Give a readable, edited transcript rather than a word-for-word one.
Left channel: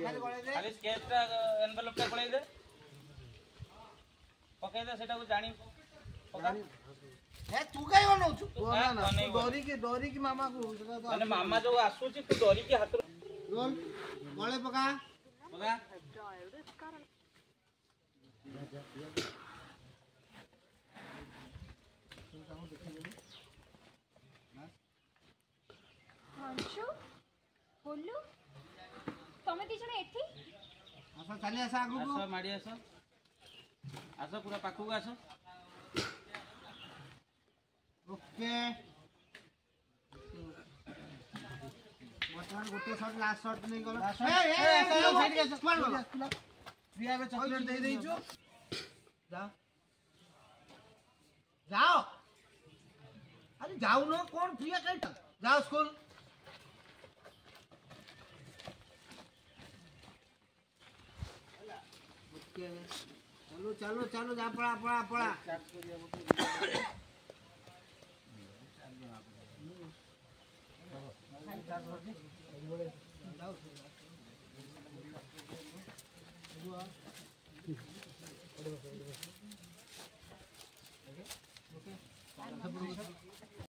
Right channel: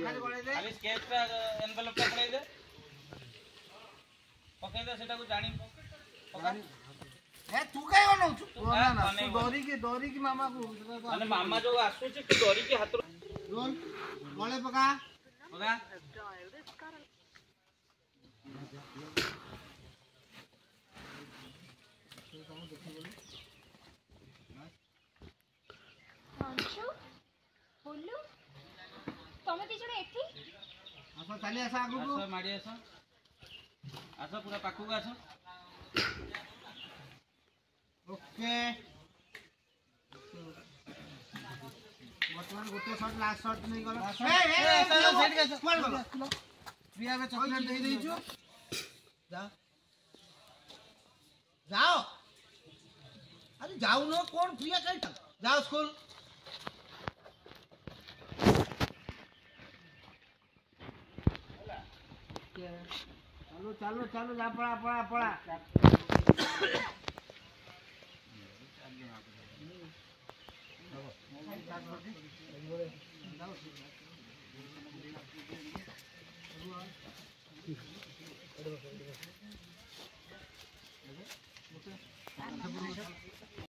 खाली स्केच टा एनवेलप टा पड़े दे पके दे सेटा को जानी पका ए तू काई बनाउ तू ना दोरी की मामा को माने मामा जो आसु छी तू दोरी की हाथ रोल गळे पका पका अंशु बोलू तमे दी जण एठी आसा चली आसा आगु आसा माडी आसा आसा पूरा पाखु को आसा ओके बटन गोटे शॉट लास्ट शॉट नहीं गला ए प्रिया के चॉकलेट दे देई छु जाओ जाओ अरे जाओ नो कौन प्रिया के जाओ स्कूल चलो चलो चलो जा पड़ा पड़ा पड़ा